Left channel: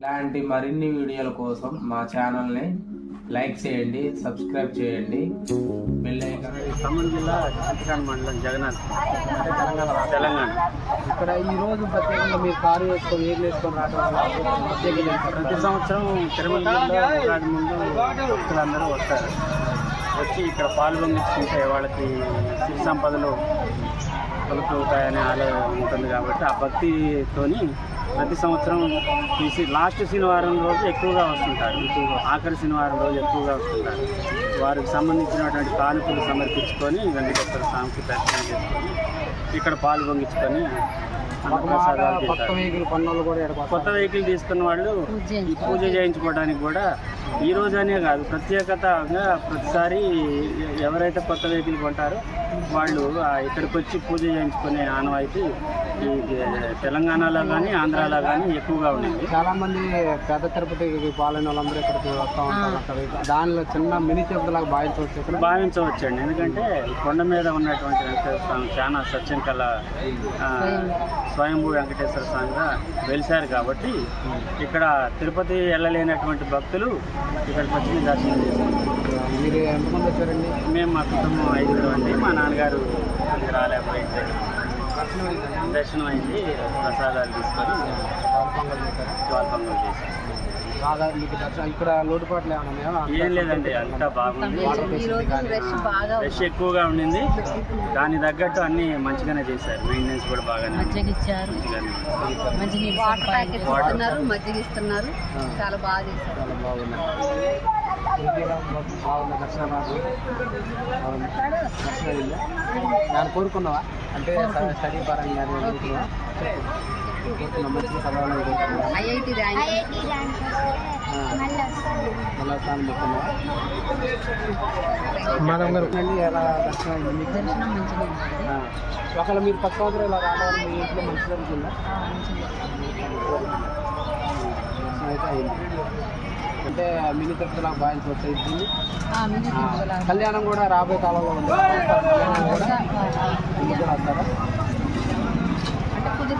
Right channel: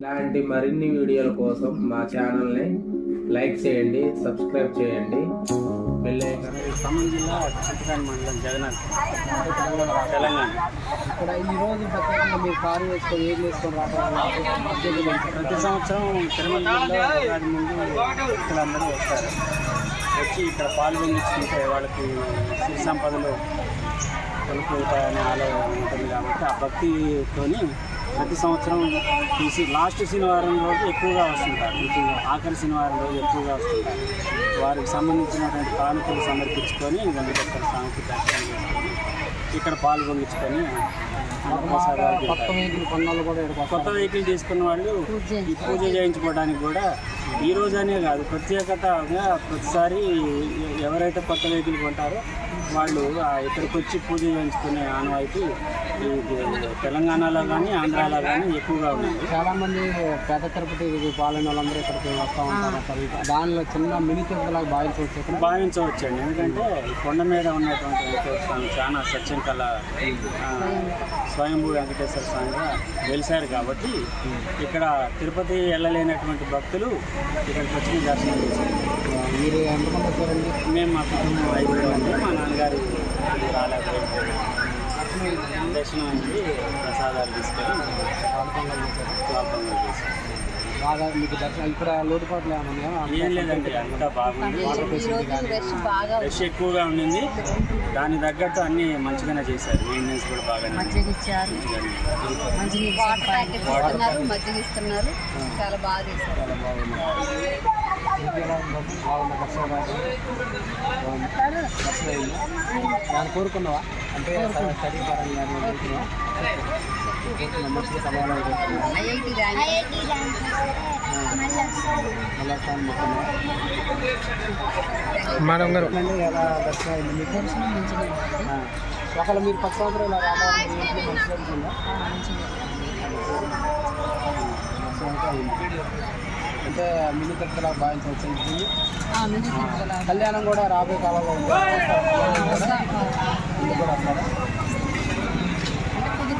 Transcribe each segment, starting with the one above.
ఇలాంటి మరిన్ని వీడియోల కోసం మా ఛానల్ని లైక్ చేయండి సబ్స్క్రైబ్ చేయండి. ఖమ్మం జిల్లా చింతకాని మండలం జగన్నాథ్. తెలంగాణ తెలంగాణ. ఇక్కడ ఈ రోజు ప్రత్యేకంగా మీరు కారు వేసుకొని ఏం వేసుకొని రావడం వల్ల? ప్రతి సంవత్సరం తిరుమలలో ఉగాది ముందు భక్తులందరూ వస్తారు. వచ్చి ఇక్కడ పాలు పొంగించుకుంటే వాళ్ళకి సిరి సంపదలు కొలుపుతాయనే ఆలోచన ఉంటుంది కాబట్టి ఆ భక్తితోని ప్రతి సంవత్సరం తీసి లాస్ట్ శనివారం రోజు ఎక్కువగా వస్తుంటారు. ఆఖరి శనివారం రోజు ఎక్కువగా వస్తుంటారు. వారికి సంబంధించినటువంటి కానుకలు సమర్పించుకొని వెంకటేశ్వర స్వామికి దర్శనం చేసుకొని ఇక్కడ పాలు పొంగించుకొని అన్నప్రసాదాలు కొత్త వెహికల్ తీసుకున్న వాళ్ళు ఈ పూజ చేయించుకోవడానికి కూడా ఈ రోజనే కాదు ప్రత్యేకతగా ప్రతిసారి ఎవరైతే కొత్త వెహికల్ కొంటారో వాళ్ళు ఇక్కడికి వచ్చి పూజ చేయించుకునే ఆనవాయితీ ఈ తెలంగాణలో కానీ ఆంధ్రాలో కానీ ఎక్కువగా ఉండేది చాలా మంది పెద్ద తిరుపతి పాలన వాళ్ళందరూ ఇక్కడికి వస్తూ ఉంటారు దానిలో చిన్న మినీ తిరుపతి లాగా భావించవచ్చు భావించవచ్చండి. ఎందుకంటే కొండ మీద ఉన్నటువంటి వెంకటేశ్వర స్వామి చాలా సత్యం ఆ, స్వయంభూ వెంకటేశ్వర స్వామిగా వెలిశారు కాబట్టి ఇక్కడ తిరుపతి వెళ్ళలేనటువంటి భక్తులు ఇక్కడికి వచ్చి దర్శనం చేసుకుంటారు మీరు ఎంతమంది వచ్చారండి? మేము మా కుటుంబం ఐదుగురు అండి. మా నాన్నగారు అది రాలేకపోయింది. దర్శనం అయింది ప్రసాదాలు తీసుకొని పాలు పొంగల్ చేశారు బాగా మీకు దర్శనం ఇక్కడ లోటుపాట్లు ఏమైనా ఉన్నాయా? ఏం లేదండి అంతా బాగుంది. ఈ రోజు రష్ ఎక్కువగా ఉండింది. దాని తగ్గట్టు అన్ని మంచిగానే చేశారు. మెయింటెనెన్స్ కూడా బాగానే వాటర్ ఇస్తున్నారు మజ్జిగ ఇస్తున్నారు. చాలా బాగా చేశారు. చాలా దాన్ని కోరుకున్నావా? అంటే స్టడీ పరంగా కానీ కోరుకున్నావా? మంచిగా చదవాలని మళ్ళీ స్థానం మేడం గారు. ఎలా దర్శనం అయింది మీకు? దర్శనం మంచిగా ఉంటుంది ఆ. ఒకవేళ మీరు పది సంవత్సరాలు ఇలా రావడం మీ ఇంట్లో మంచి జరుగుతుందా అంటే మినీ తిరుపతిలా భావించవచ్చు ఇది. కళ్యాణం కూడా రాబోయే కాలంలో ఉంది? కళ్యాణం కూడా వస్తారా?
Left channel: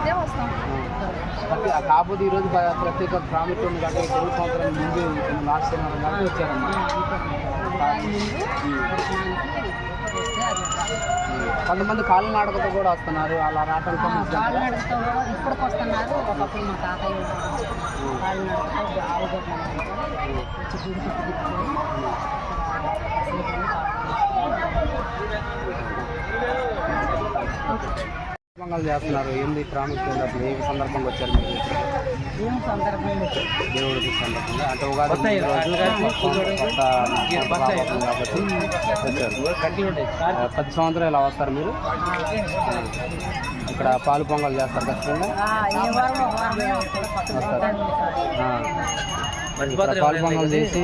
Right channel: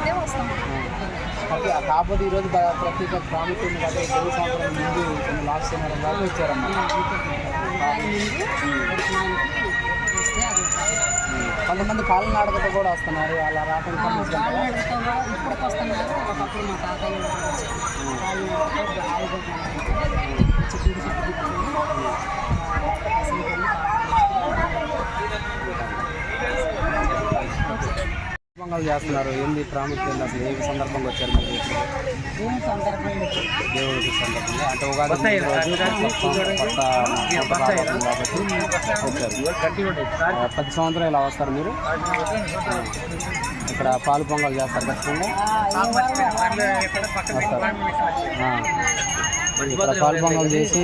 కుదిరితే వస్తాం. కాబట్టి కాకపోతే ఈరోజు ప్ర- ప్రత్యేక ప్రాముఖ్యత ఉంది కాబట్టి తెలుగు సంవత్సరం ముందు లాస్ట్ వచ్చారమ్మా కొంతమంది కాలినాడకతో కూడా వస్తున్నారు. అలా ఆ, సంబంధించి కాలినడకతో కూడా ఇప్పటికి వస్తున్నారు. ఒకప్పుడు మా తాతయ్య కాలినడకతో ఆవుగడ్డ వచ్చి సందర్భంగా చేస్తున్నారు? ఏంది ప్రాముఖ్యత అసలు ఏ సందర్భంగా వచ్చారు మీరు? ఇక్కడికి? ఏం సందర్భంలో వచ్చి దేవుడి సందర్భంగా? అంటే ఉగాది కాబట్టి వచ్చారు. పది సంవత్సరాలు ఇలా వస్తారు మీరు. ఇక్కడ పాలు పొంగల్ చేస్తారు ఖచ్చితంగా? వస్తారు. ఇక్కడ పాలు పొంగల్ చేసి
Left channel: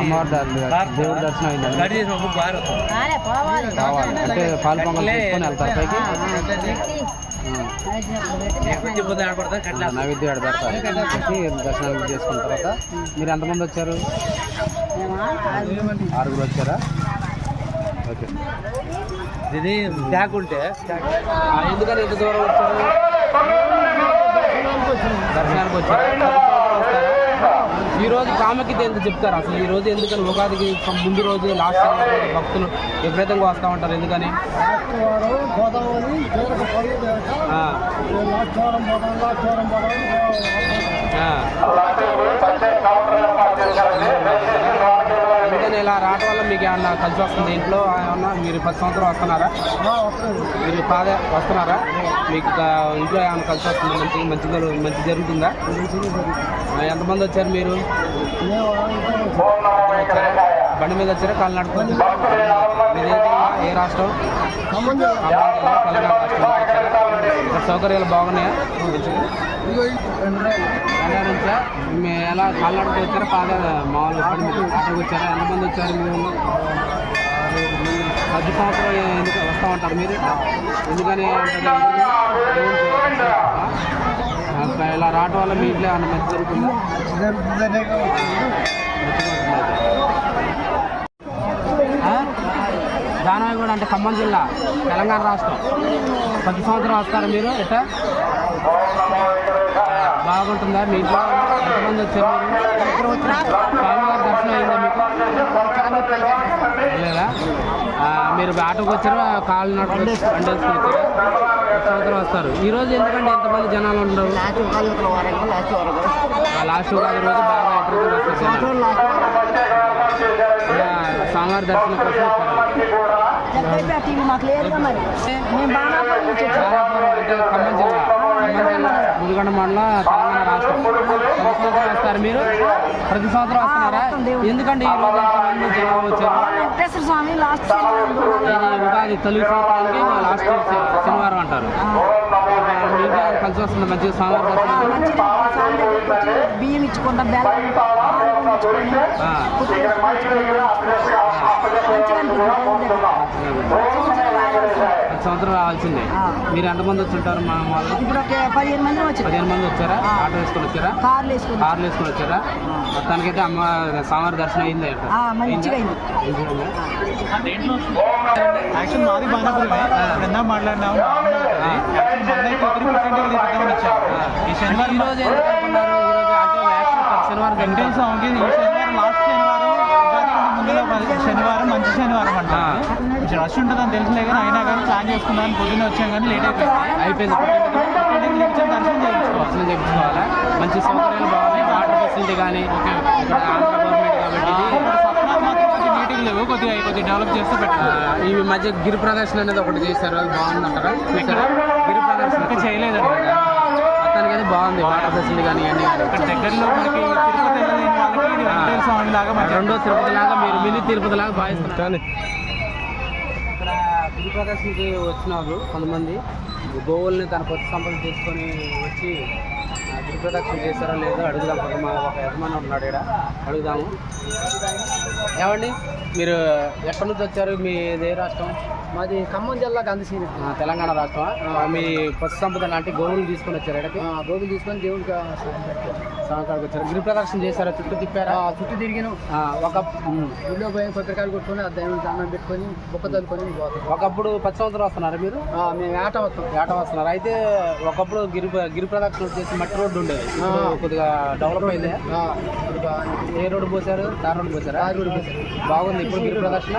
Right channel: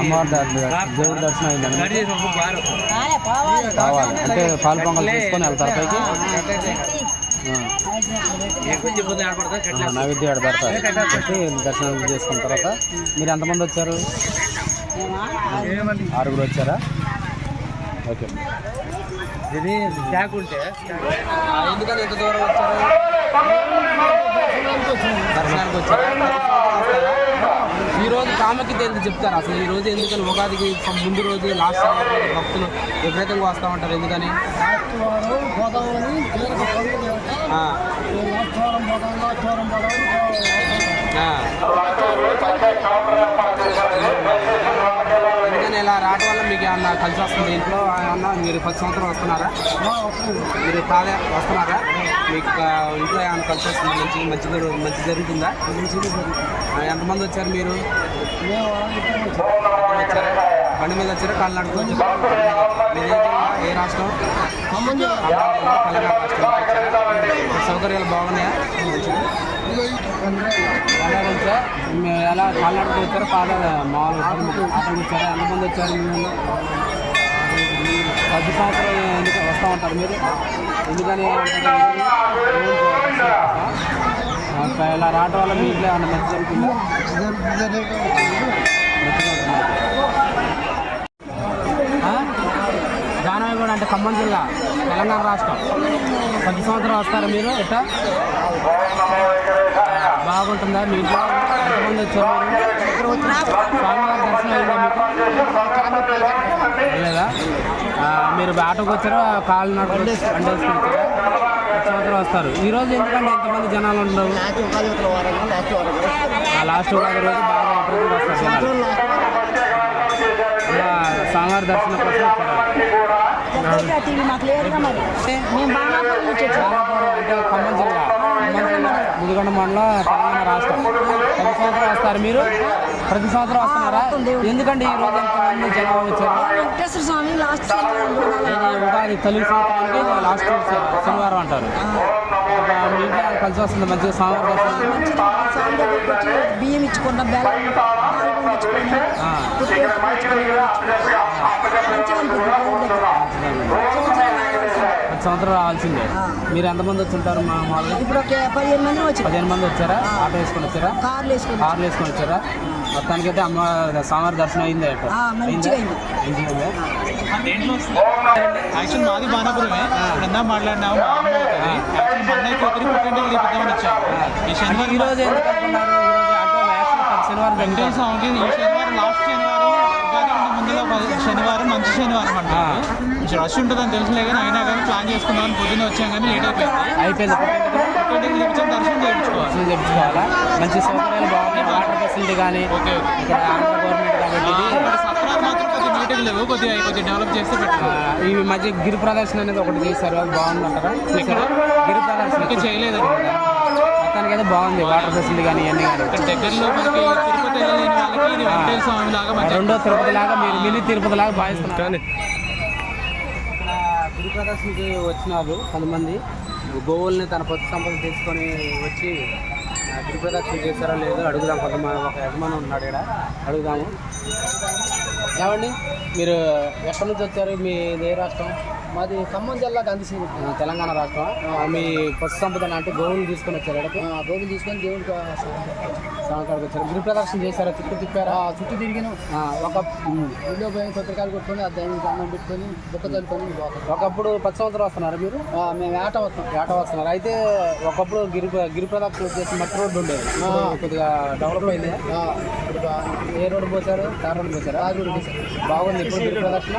అమ్మవారి దేవుడి దర్శనం అయిందండి కావాలి. అంటే పాలు పొంగల్ తీసుకొని వెళ్తారు పైకి నైవేద్యం ఆడ పెడతారు. పెట్టి దర్శనం చేసుకున్న తర్వాత మీరు ఎంతమంది వచ్చారు. ఆరుగురు వచ్చారా? ఓకే. ఇది లేకుంటే ఎందుకని ఎంత దూరం వచ్చారు? దర్శనానికి వచ్చారు? ఈ రోజు ప్రాముఖ్యత ఎందుకు చెప్తారు? అసలు ఈ రోజు ఎందుకని ఉగాదికి ముందు రోజు లాస్ట్ భక్తులు విపరీతంగా వస్తూ ఉంటారు ఎందుకని? గోదావరి లాస్ట్ వారం పోతాం ఆ. ఎందుకని ఇలా రావడం వల్ల మీకు ఏమన్నా కలిసి వస్తుంది ఇంట్లో? ఏమన్నా మీరు పది సంవత్సరం వస్తున్నారా? మీరు కాదే వస్తున్నారా? మీకు ఇంట్లో ఏమైనా కలిసి వస్తుంది? మంచి మంచి మంచి జరుగుతుందా? ఎంతమంది వచ్చారు మీరు? వచ్చారా? బండి మీద వచ్చారా కాళ్ళు నడుచుకొని మీరు ఏ రాష్ట్రం? సౌకర్యాలు బాగున్నాయా? ఎలా నుంచా మీరు ఎలా కాళ్ళాడుకు వచ్చారా? పాద మామూలు ఆటోకి వచ్చారా? ఎంతమంది వచ్చారు మీరు? పది సంవత్సరాలు ఎందుకు వస్తూ ఉంటారు మీరు? ఎందుకని ఇలా రావడం వల్ల మీ ఇంట్లో ఏమన్నా మంచి జరుగుతుందా మంచిగా ఉంటుంది అయితే. ఆ? దానవగూడ అంటే ఖమ్మం జిల్లా తెలంగాణ రాష్ట్రం. పది సంవత్సరాలు వస్తారా మీరు ఎట్టా? బాగా బాగుంటుందా మీ ఇంట్లో? ఎంతమంది వచ్చారు స్వామివారి దర్శనం అయిందా మీకు లేదా మీరు ఆటోకి వచ్చారు? కాళ్ళు నడుపు బండేసుకుని వచ్చారా సంవత్సరం వస్తారు. ఈ రోజు ఎందుకంటే ఎంతమంది జనాలు ఉండవు లాస్ట్ వారం. లాస్ట్ వారం రోజు బాగా వస్తారు స్వామివారి దర్శనం కోసం టీవీ మాకు లేదుగా మరి. మేము బాణాపురం నుంచి వచ్చాము. బాలాపురం అంటే ఖమ్మం జిల్లా. ఖమ్మం జిల్లా ముదిగొండ మండలం తెలంగాణ రాష్ట్రం. ప్రతి సంవత్సరం వస్తారు మీరు? ప్రతి సంవత్సరం వస్తున్నారా. ఎందుకంటే ఈ రోజు ఎంతమంది జనాలు వచ్చారు? వెంకటేశ్వర స్వామి లాస్ట్ ఉగాది తెలుగు సంవత్సరానికి లాస్ట్ శనివారం అంటారు. మీ ఇంట్లో కలిసి వస్తుంది మంచిగా స్వామివారి దర్శనం. బియ్యం ఇచ్చుకున్న బెల్లం సంవత్సరం రావాల్సింది. మీరు ఎంతమంది వచ్చుంటారు మా వాళ్ళు? ఇప్పుడు ఒక పదిహేను మంది వచ్చారు. పదిహేను మంది వచ్చారా? ఆటో వేసుకొని వచ్చారా? కార్లు వేసుకుని కార్లు వేసుకొని వచ్చారా? మొత్తానికైతే అమ్మ స్వామివారి దర్శనం అయింది మంచిగా? యాక్చువల్ మాది బాణాపురమే. ఇప్పుడు ఎందా మాట్లాడినాము మా అమ్మ అవుతుంది యాక్చువల్ మందైతే ఒకరి పుట్టింటికి తీపిద్దామని వచ్చాము ఈ శనివారం శనివారం వెంకటేశ్వర స్వామికి ఈ శనివారం లాస్ట్ శనివారం ముందులో శనివారం మంచి శనివారం కొంచెం రష్ ఉంటుందని తెలుసులే కానీ అయినా కానీ ప్లాన్ చేసుకుందామని పొద్దున్నే వచ్చాం కానీ లేట్ అయిపోయింది. అయిపోయింది. తీపించాం దర్శనం చేయించుకోవాలి. దర్శనం చేయించుకోవాలా? మంచి సౌకర్యాలు బాగున్నాయి వాటర్ ఫెసిలిటీ కానీ ఓకే ఓకే. ఇక్కడ గవర్నమెంట్ కాబట్టి. సత్రాలు మాత్రం కొద్దిగా నీట్గా లేవు కొద్దిగా కొద్దిగా డెవలప్ చేస్తే ఆ, బెటర్ ఈ మధ్య గిరి ప్రదర్శన అనేది ఒకటి చేశారు అది బాగుందంటారా ఇక్కడ? గిరి ప్రదర్శన. చేయలేదండి. బాగుంది ఫెసిలిటీ కానీ ఇవన్నీ కానీ. ఇక్కడ దగ్గరలో మనకి తిరుపతి వెళ్ళలేని వాళ్ళకి ఇది వెంకటేశ్వర స్వామి లాగా రెండో తిరుపతి లాగా మీరు మినీ తిరుపతి లాగా భావిస్తున్నారు. గిరి ప్రదర్శనకి వచ్చినారు కొంతమంది. గోవుల్ని తన కొత్త సంపద తీసుకొని వచ్చి ప్రదక్షిణ చేశారా లేదో అడుగుదాం కొంతమంది ఒక యజమాని ఉన్నాడు ఇక్కడ. అడుగుదాము. ఏమండి? మీరు ఎక్కడి నుంచి వచ్చారు? మీ ఏ రాష్ట్రం? మాది ఖమ్మం జిల్లా ఆ, తెలంగాణ రాష్ట్రం మీ పశు సంపద లాంటి గోవులు తీసుకొని వచ్చారు గోగులు తీసుకొని దేవుడికి వచ్చారు గిరి ప్రదర్శన చేశారా? చుట్టూ తిప్పారా? చుట్టూ తిరిగిన. ఆ, ఒక. గుడిలో పోయి కొబ్బరికాయలు కొట్టుకొని ఆ దేవుడికి దండం పెట్టుకొని బుక్క పోతాం. ఒకప్పుడు పది సంవత్సరాలు వస్తున్నారా మీరు? ఆ, మేము ఆట వస్తాం ఏట వస్తున్నారు. అయితే ఒకప్పుడు గిరి గిరి ప్రదక్షిణ వచ్చేసి మట్టి రోడ్డు ఉండేది. కొద్దిగా డెవలప్ అయింది? ఆ, ఏ రోడ్డు పోసారు తార్ రోడ్డు పోసారా తార్ రోడ్డు పోసారు. బాగుంది ఇప్పుడు గిరి ప్రదక్షిణ?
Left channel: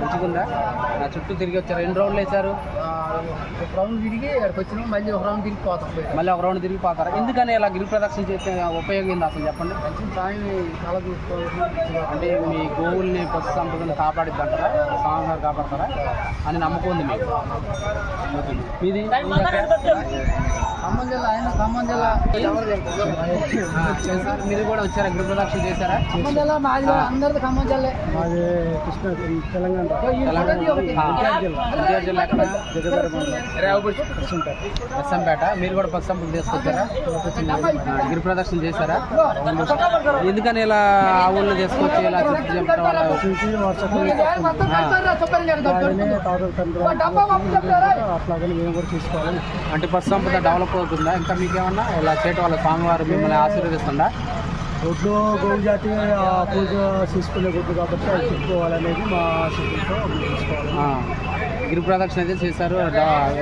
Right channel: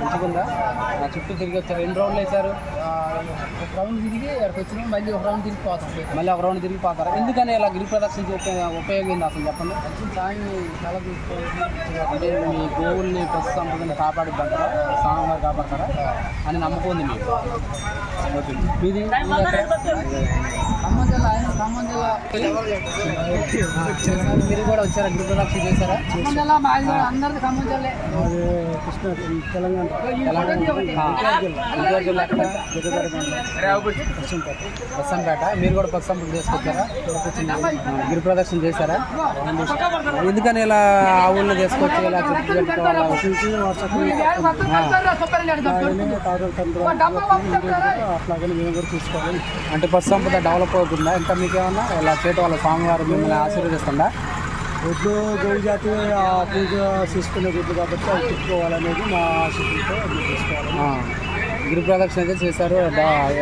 మంచిగుందా? ఆ చుట్టూ తిరిగి వచ్చారు. ఎన్ని రౌండ్లు వేశారు? ఆ, ఒక రౌండ్ తిరిగి అక్కడికి వచ్చినాం. మళ్ళీ ఒక రౌండ్ తిరిగి పోతాం. మళ్ళీ ఒక రౌండ్ తిరిగి పోతారు? ఎందుకని ఇలా గిరి ప్రదక్షిణ చేస్తే ఉపయోగం ఏంది అసలు చెప్పండి? మంచి సాయం చాలా చూసుకోవాలి అంటే మీ గోవుల్ని పశు సంపదను కాపాడిద్దంటారా? స్వామివారు కాపాడతారా? అని నమ్మకం ఉంది మీకు. ఎక్కడ? ఖమ్మం జిల్లా ఆయన ఖమ్మం జిల్లా చేశారు. మీరు కూడా వచ్చారా? గిరి ప్రదక్షిణ చేశారా? ఖమ్మం జిల్లా మాది కూడా అందరిది ఖమ్మం జిల్లా. మాది కృష్ణ తెలంగాణ. జిల్లా బస్సంపేట మీరు కూడా బస్ సంపద చేసుకొచ్చారా గిరి ప్రదర్శన చేశారా? ఎందుకని ఇలా ఆవులను తీసుకొచ్చి ఇలా అట్లాగని మేము కూడా తీసుకోవాలి అంటే పశు సంపద డెవలప్ అవుతుందా? ఇంకా మీకేమన్నా? ఇలా చేయటం వల్ల స్వామివారు మిమ్మల్ని ఆశీర్వదిస్తుందా? ఒడ్లు గోవు జాతి పూజ చేసుకునే గుడ్లు కాబట్టి అవి తిప్పుకోవాలనేది మా ఆశతో తీసుకోవాలి. గిరి ప్రదక్షిణ అయితే చేశారు.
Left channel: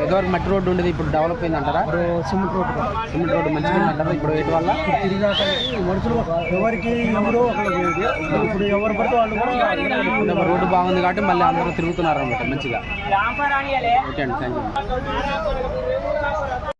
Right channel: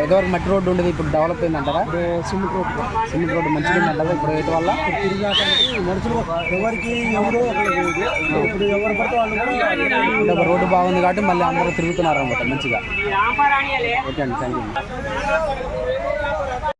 ఎదువరకు మట్టి రోడ్డు ఉండేది ఇప్పుడు డెవలప్ అయింది అంటారా ఇప్పుడు సిమెంట్ రోడ్డు సిమెంట్ రోడ్డు మంచిగా ఉందంటారా? ఇప్పుడు వేయటం వల్ల? తిరిగాటానికి మనుషులు ఎవరికి ఎవరో ఇప్పుడు ఎవరు పడితే వాళ్ళు కూడా రోడ్డు బాగుంది కాబట్టి మళ్ళీ అందరూ తిరుగుతున్నారు అనమాట మంచిగా. ఓకే అండి థ్యాంక్ యూ